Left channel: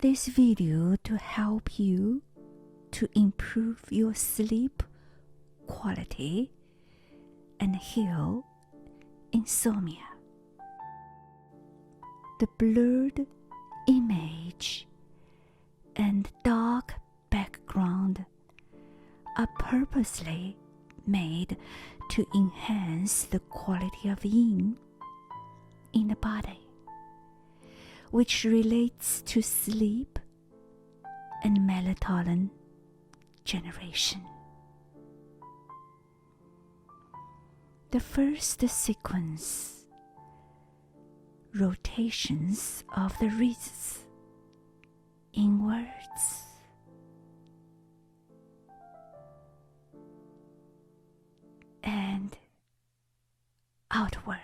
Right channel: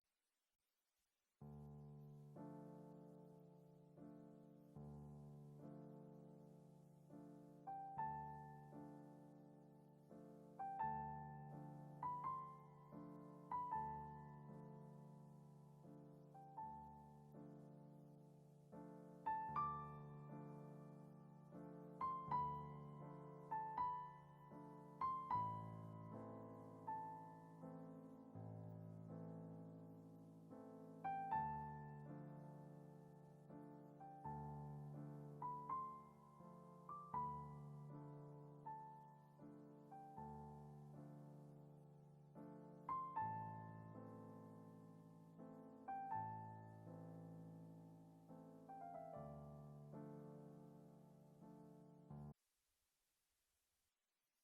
this video to help you to improve your sleep quality and heal insomnia. The blurred image and dark background are purposely made to enhance the quality of yin in the body, which relates to sleep and melatonin generation. The first sequence, rotations of the wrists inwards and outwards.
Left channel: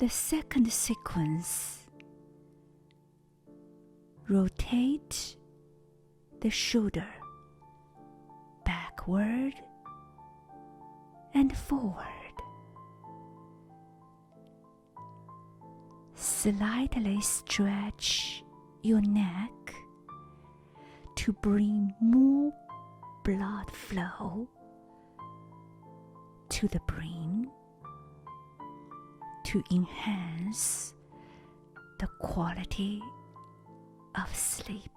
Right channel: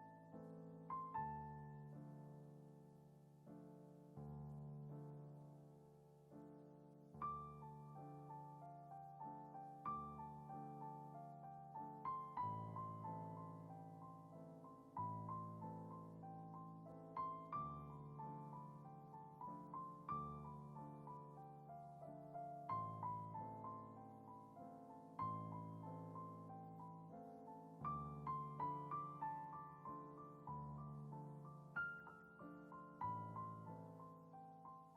The second sequence, rotate the shoulder backward and forward. Slightly stretch your neck to bring more blood flow to the brain to enhance the quality of sleep.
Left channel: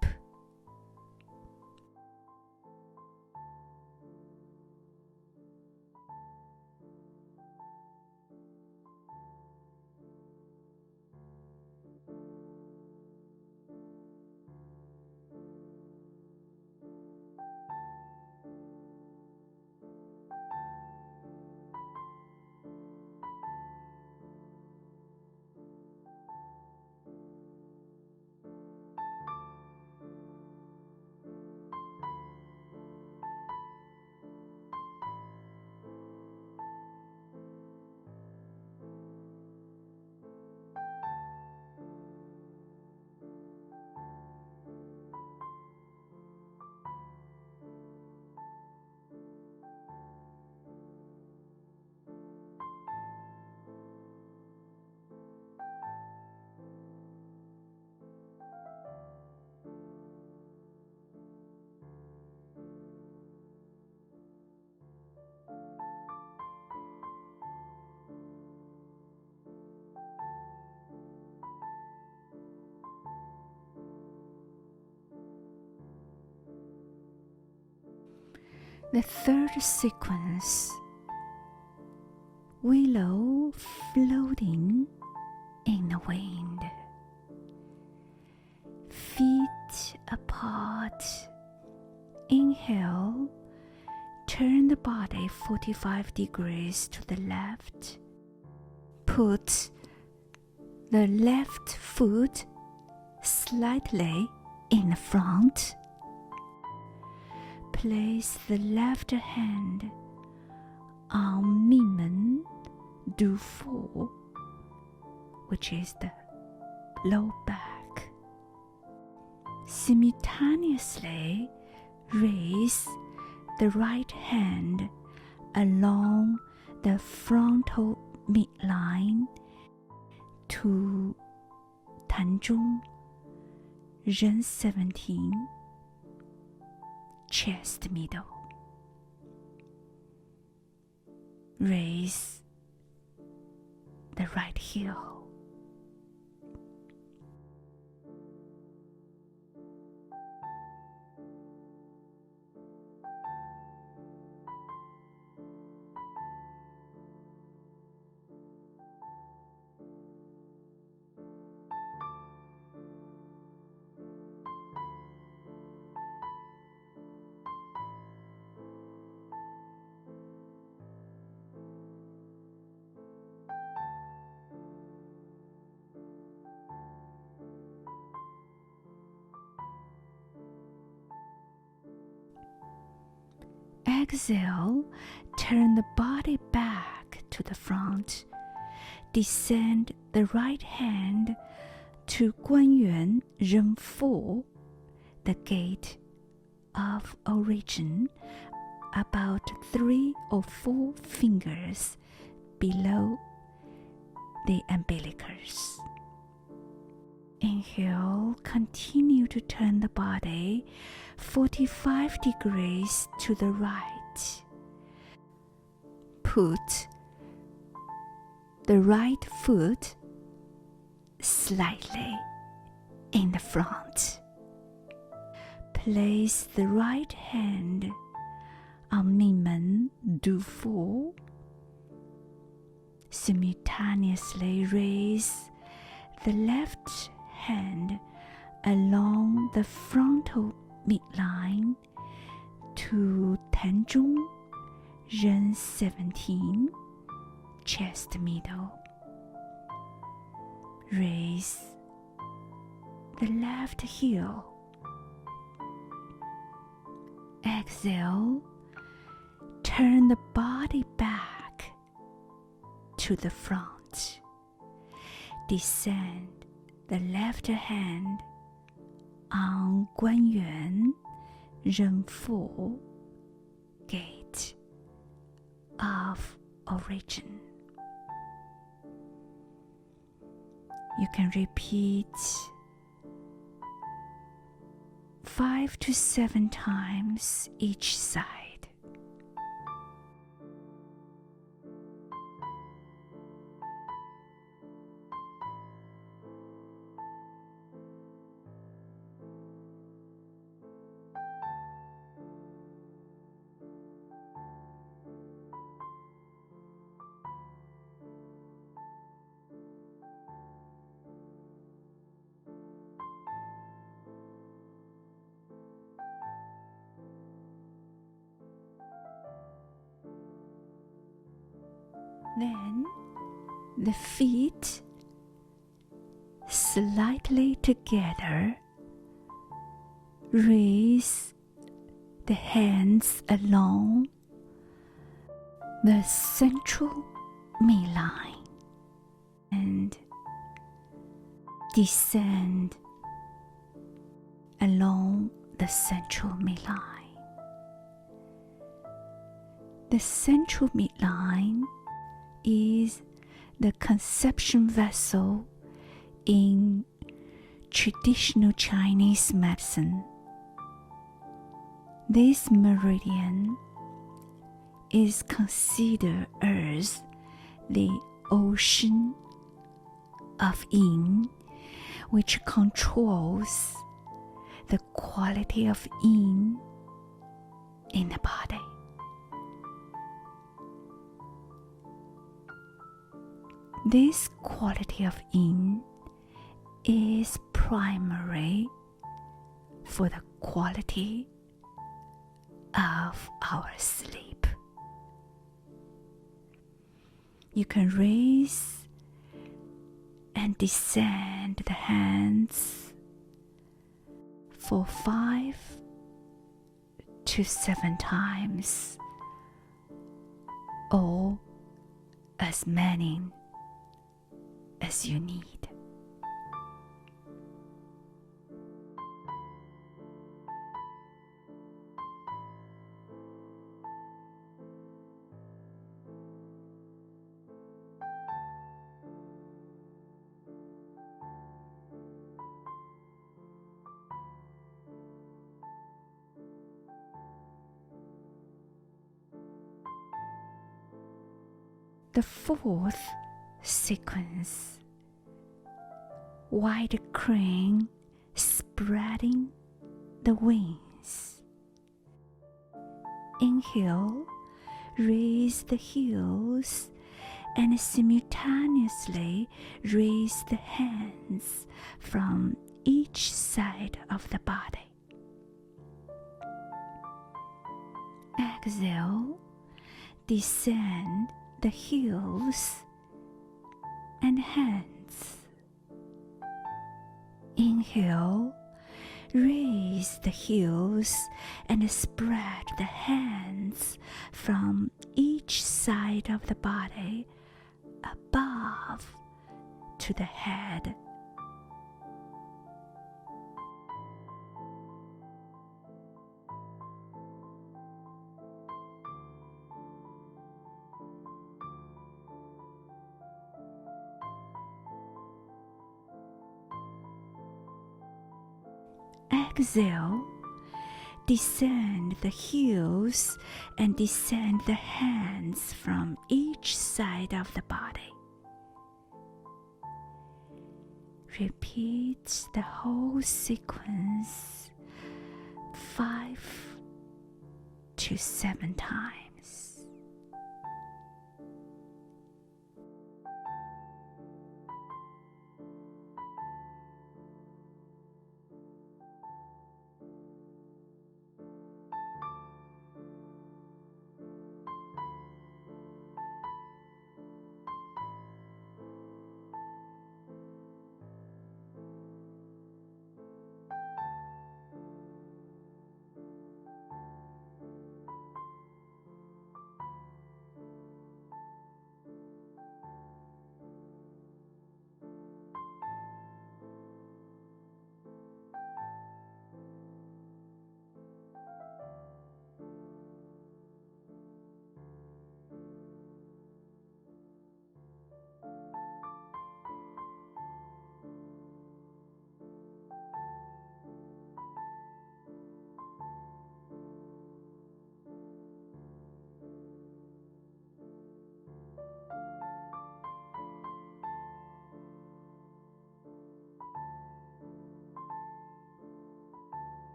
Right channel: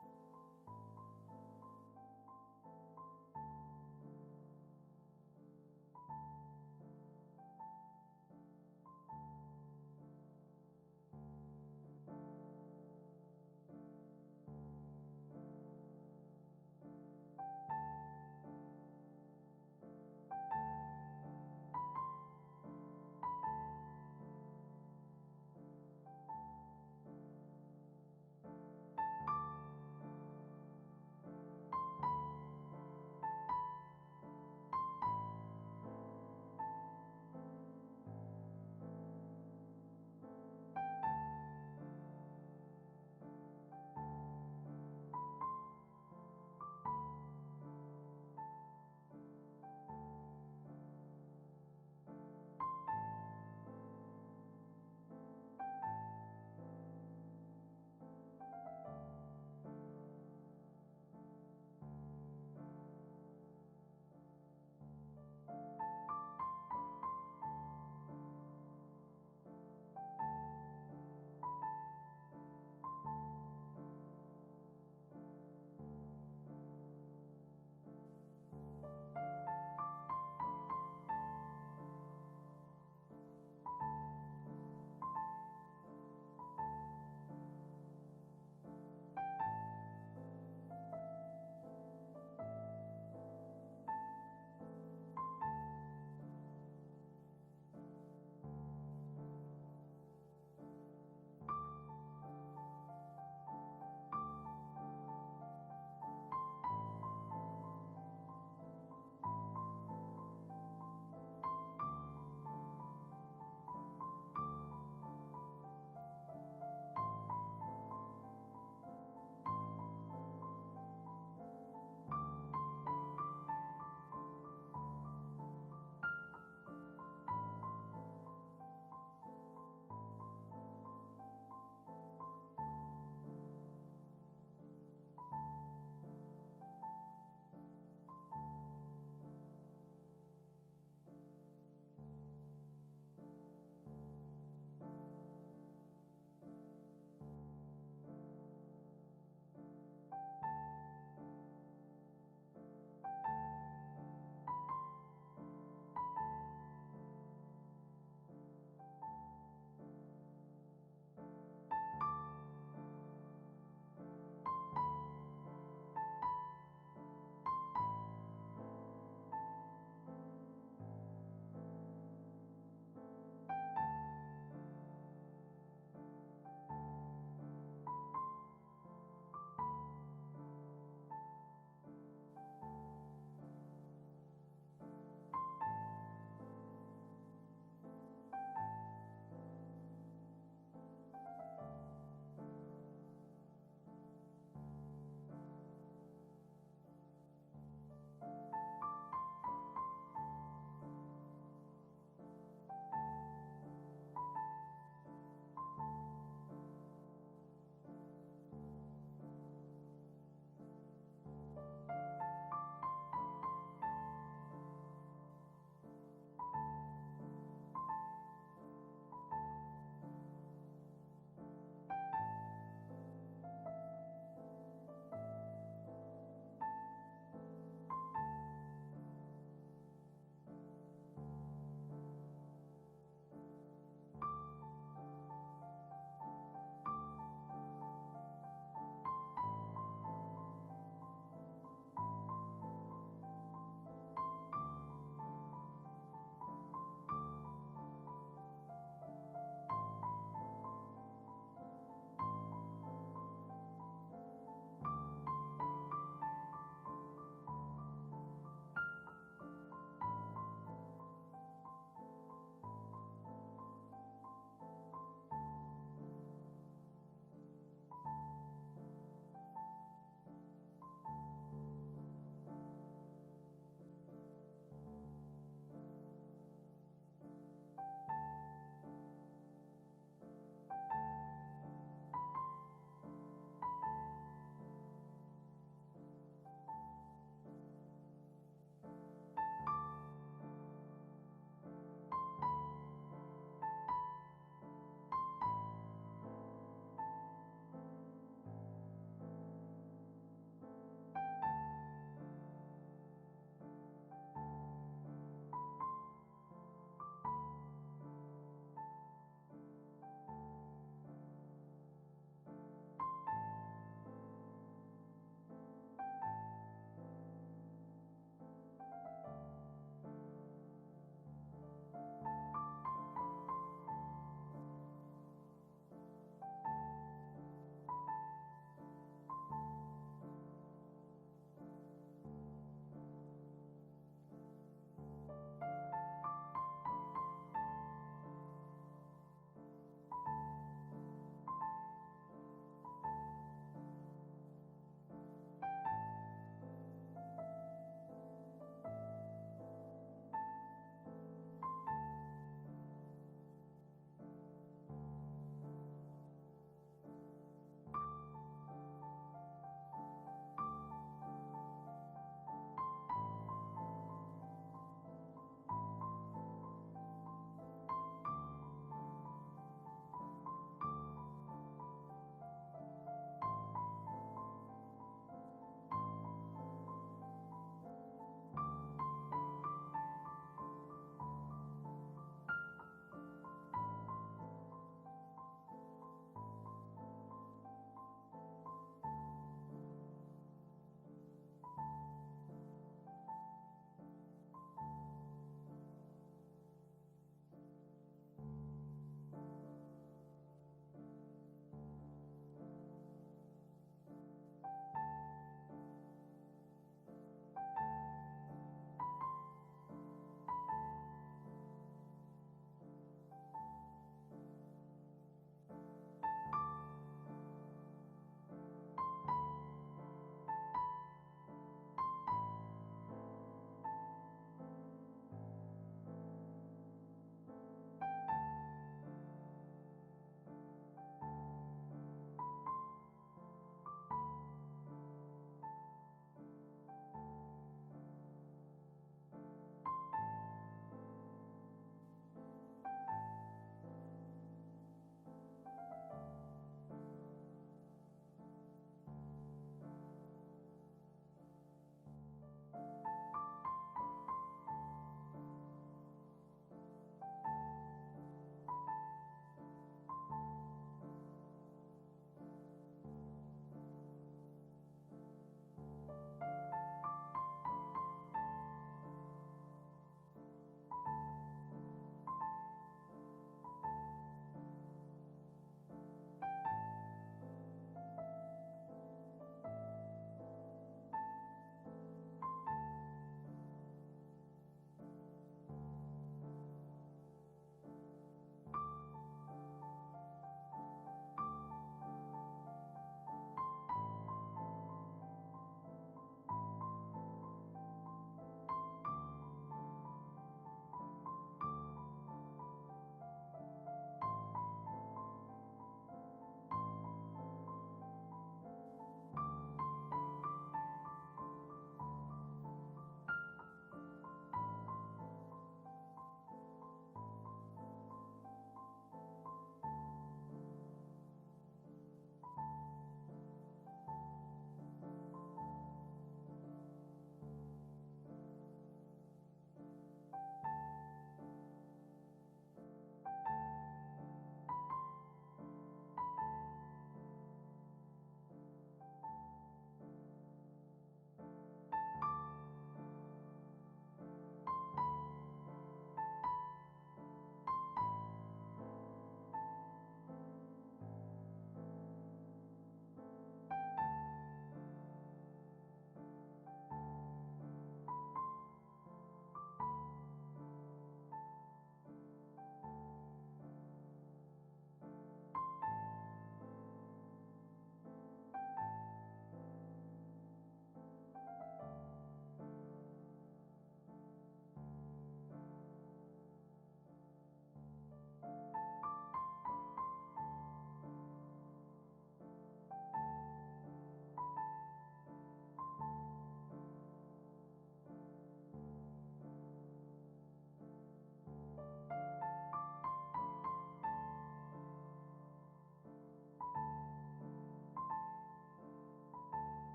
The third sequence, willow floating in the wind. Feet apart. Inhale, turn the body 45 degrees to the left. Put the left foot slightly in the front. Place the left hand on Minmen Du Fu, which is the low back. Simultaneously raise the right hand along the frontal midline to 膻中 Ren 17 chest middle. Raise the right heel. Exhale, turn the body back to the front. Descend the right hand to 关元 Ren 4, the gate of origin, about 3 or 4 fingers below the umbilicus. Inhale, continue to turn the body 45 degrees to the right. Put the right foot slightly in the front. Place the right hand on 命门 Du 4. Simultaneously raise the left hand along the frontal midline to 膻中 Ren 17 chest middle. Raise the left heel. Exhale, turn the body back to the front. Descend the left hand on 关元 Ren 4, gate of origin. You can repeat 5 to 7 times each side. Then the feet slightly together. Raise the hands along the central midline and descend along the central midline. The central midline is the conception vessel in traditional Chinese medicine. This meridian is considered as the ocean of yin, which controls the quality of yin in the body. This quality of yin is primary for the quality of our sleep. You can raise and descend the hands for 5 to 7 times, or as many as you need. The fourth sequence. White crane spreading the wings. Inhale, raise the heels and simultaneously raise the hands from each side of the body. Exhale, descend the heels and hands. Inhale, raise the heels and spread the hands from each side of the body above to the head. Exhale, descend the heels and descend the hands from each side of the body. Repeat the whole sequence 5 to 7 times.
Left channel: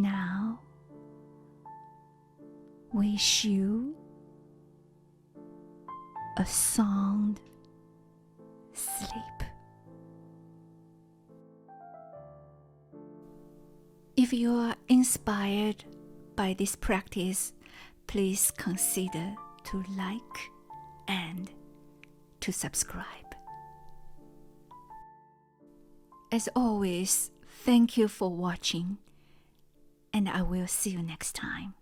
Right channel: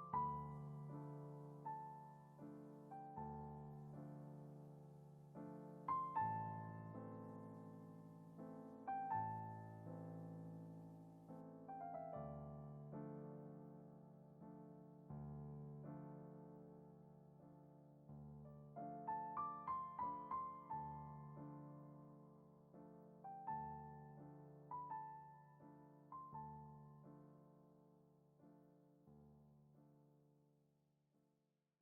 Now, wish you a sound sleep. If you are inspired by this practice, please consider to like and to subscribe. As always, thank you for watching, and I will see you next time.